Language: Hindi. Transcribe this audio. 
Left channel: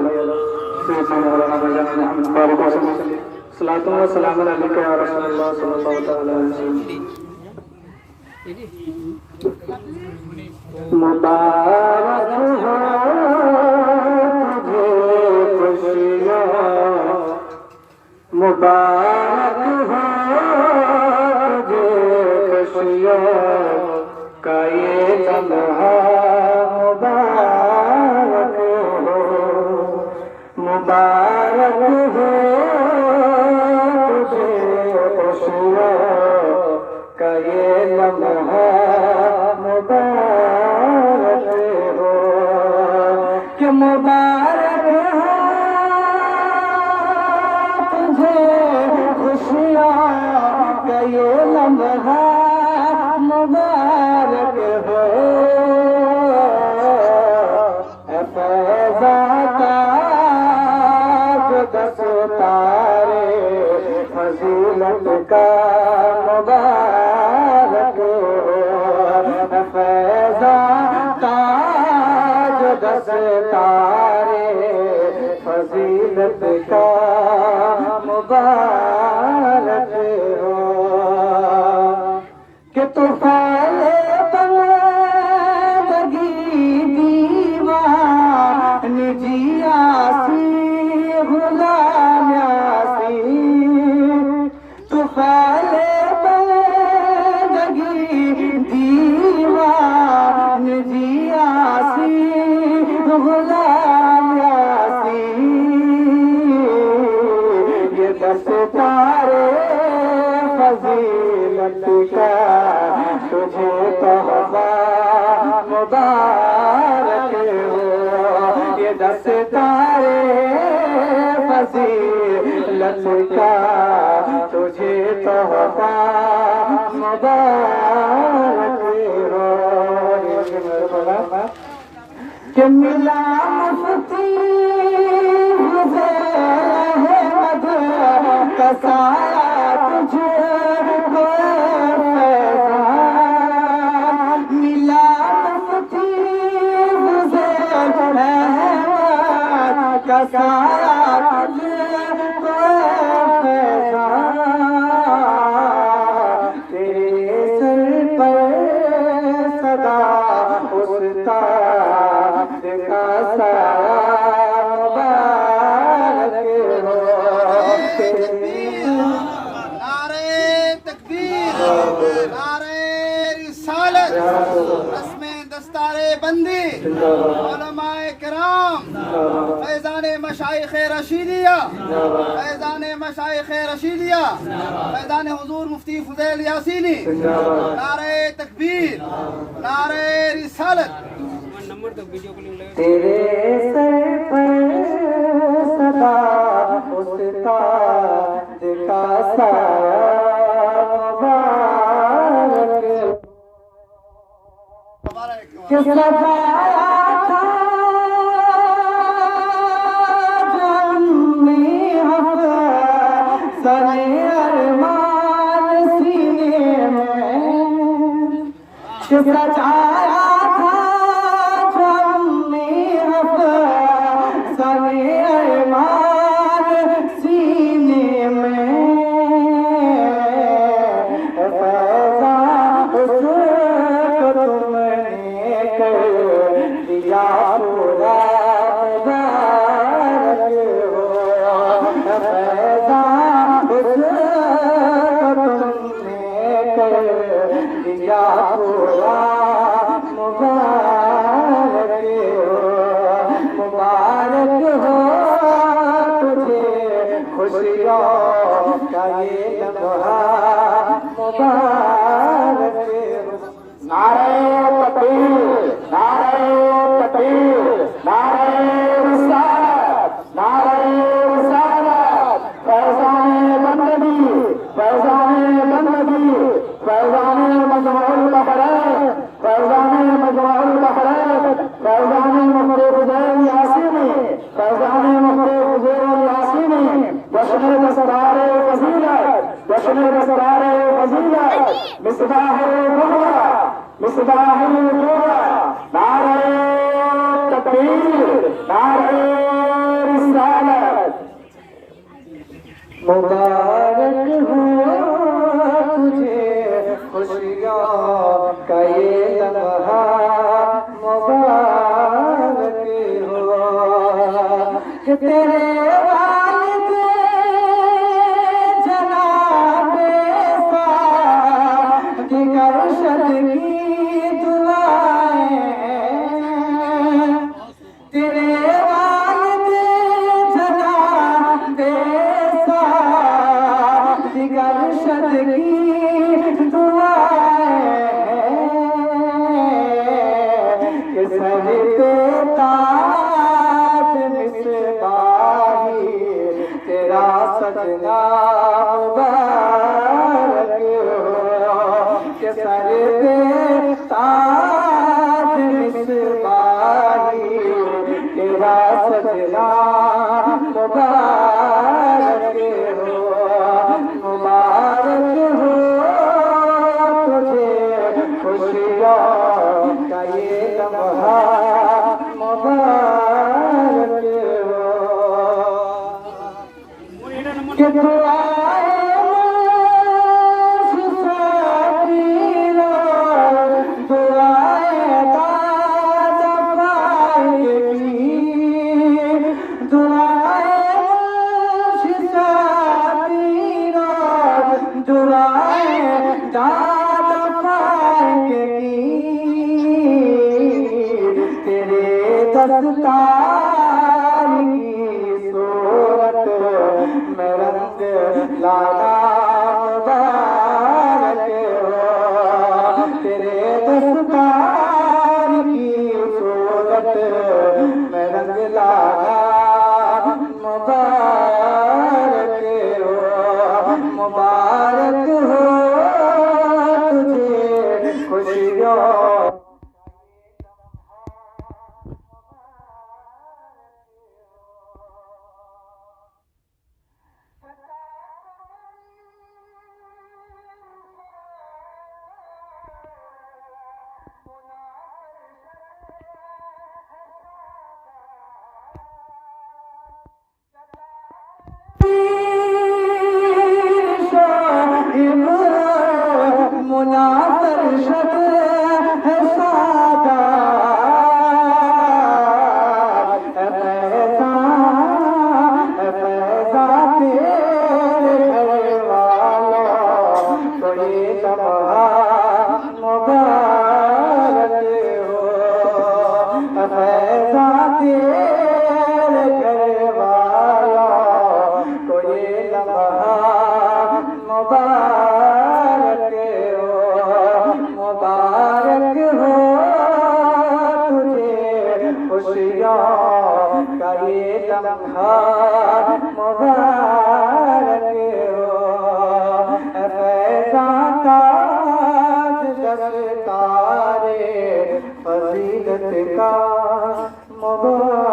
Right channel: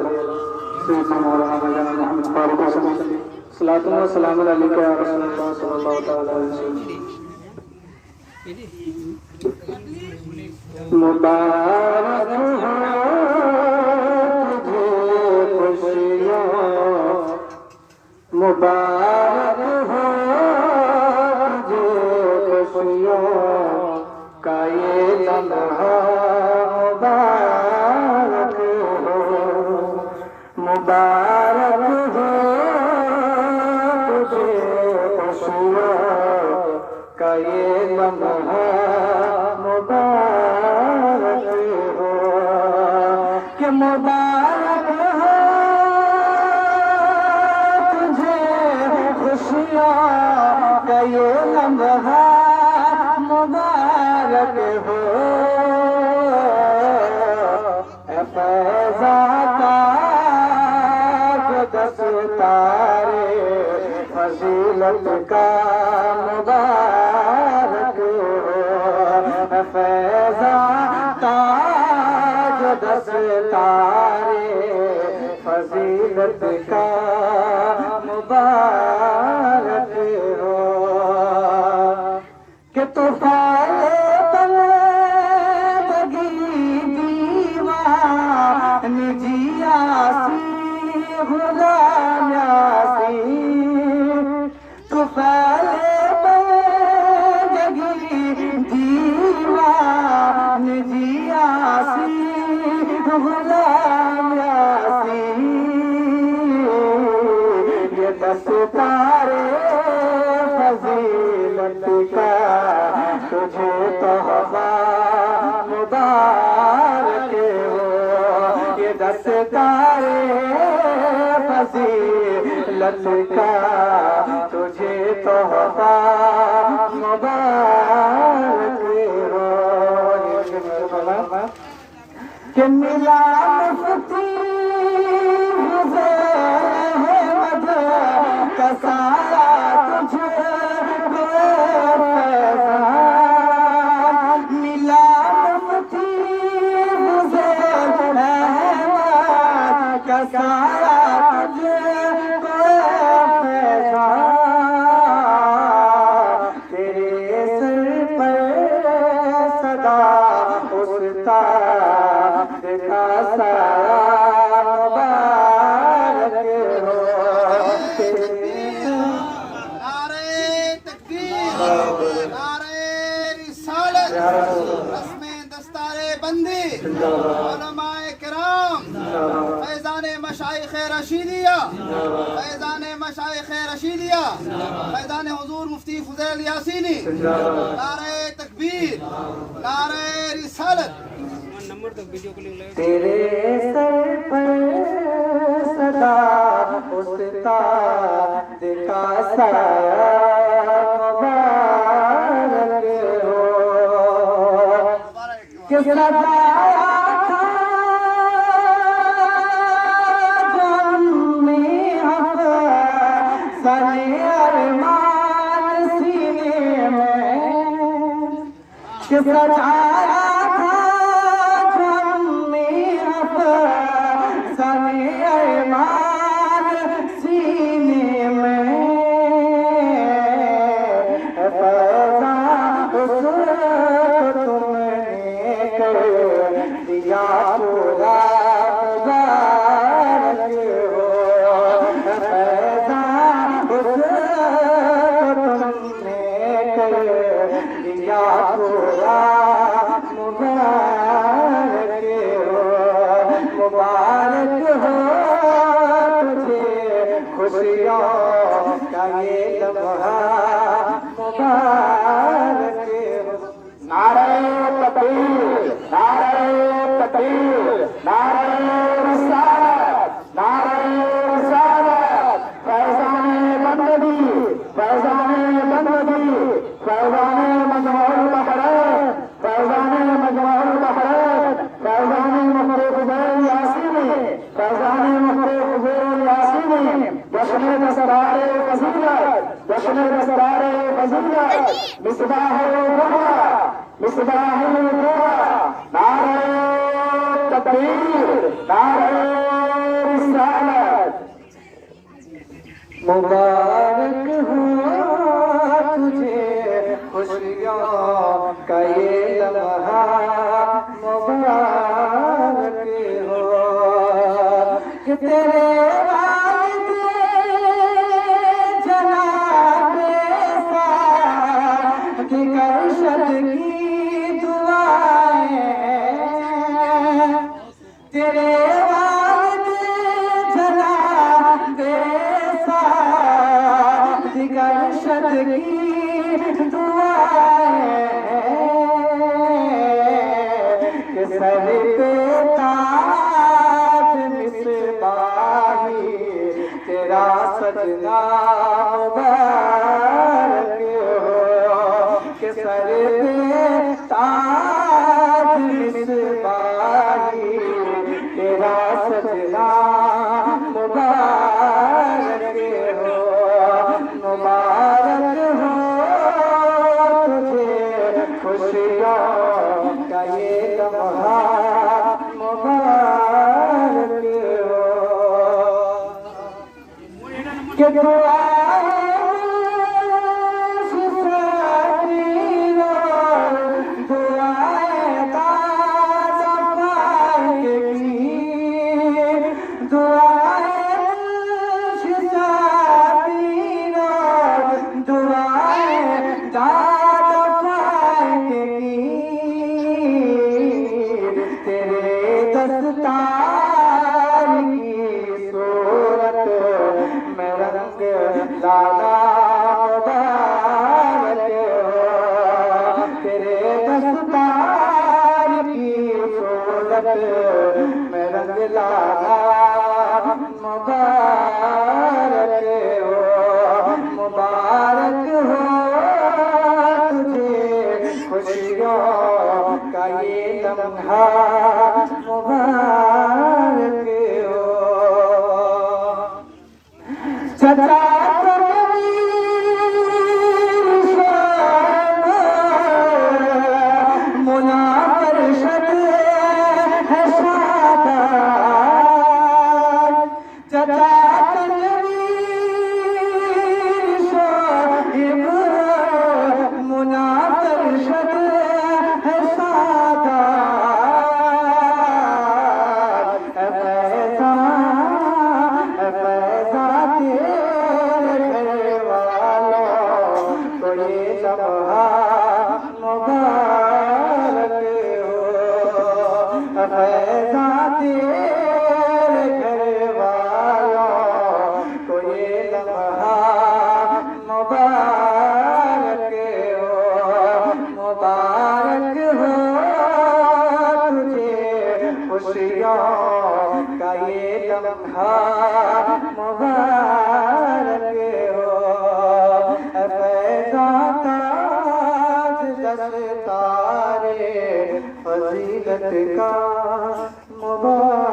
सैयदना मौलाना मौलाना मोहम्मद फारूक सल्लल्लाहु अलैहि वसल्लम या रसूलुल्लाह सल्लल्लाहु अलैहि वसल्लम। मुबारक हो तुझे खुशियाँ, मुबारक हो तुझे खुशियाँ का ये लम्हा, मुबारक हो, मुबारक हो तुझे खुशियाँ का ये लम्हा, मुबारक हो कि मुबारक हो तुझे खुशियाँ का ये लम्हा, मुबारक हो फैज़ाता जो दस्तारे फजीलत का, मुबारक हो फैज़ाता जो दस्तारे फजीलत का, मुबारक हो कि तूफ़ान बंदगी दीवानगी आसी गुलाम आसी, तूफ़ान बंदगी दीवानगी आसी गुलाम आसी, ये दस्तारे फजीलत का तुझे तोहफा, मुबारक हो ये दस्तारे फजीलत का तुझे तोहफा, मुबारक हो कि मिला मुफ्ती अहमद का साया तुझे को मिला, मुफ्ती अहमद का साया तुझे को तेरे सर पर सदा उस्ताद का साया, मुबारक हो बंदी उलमाए किराम फैज़ाने मशाइख़े रशीदिया, फैज़ाने मशाइख़े रशीदिया, फैज़ाने हुज़ूर मुफ्ती फ़ुज़ैल यासीनी, नारे तकबीर, नारे रिसालत। नंबर तो वीडियो कॉलिंग लगा तेरे सर पर सदा उस्ताद का साया, सजाया था जन्मी सरे अरमान सीने में, सजाया था जन्मी सरे अरमान सीने में, फैज़ा दिया पूरा, मुबारक हो फैज़ा तुमने दिया पूरा, मुबारक हो, मुबारक हो तुझे खुशियों का ये लम्हा, मुबारक हो। नारे तकबीर, नारे तकबीर, नारे रिसालत, नारे रिसालत, फैज़ाने बंदगी, फैज़ाने बंदगी, फैज़ाने मजमूल बखरैत, फैज़ाने मजमूल बखरैत, फैज़ाने मुफ्ती फ़ुज़ैल यासीनी, फैज़ाने मुफ्ती फ़ुज़ैल यासीनी, जश्न दस्तरारे फजीलत, जश्न दस्तरारे फजीलत, मिसबाहुल हुदा, मिसबाहुल हुदा, नारे तकबीर, नारे रिसालत। मुबारक हो तुझे खुशियों का ये लम्हा, मुबारक हो कि तेरे वालिद जनाबे सादिक अरशद की दुआएं, तेरे वालिद जनाबे सादिक अरशद की दुआएं कि सर पे ताज मिसबाही तेरा सजना मुबारक हो कि सर पे ताज मिसबाही तेरा सजना मुबारक हो। मुबारक हो तुझे खुशियों का ये लम्हा, मुबारक हो कि दुआएं दुआएं दादा पाएगी, दुआएं दुआएं दादा पाएगी, तेरे दस्तार की सूरत में रंग लाना मुबारक हो, तेरे दस्तार की सूरत में रंग लाना मुबारक हो। मुबारक हो तुझे खुशियों का ये लम्हा, मुबारक हो। चचा मुनाफरशद है शादाब, चचा मुनाफरशद है शादाब, फैज़ा तेरे घर वालों को ये लम्हा मुबारक हो, फैज़ा तेरे घर वालों को ये लम्हा मुबारक हो। मुबारक हो तुझे खुशियों का ये लम्हा, मुबारक हो। फैज़ा ताज दस्तारे फज़ीलत का मुबारक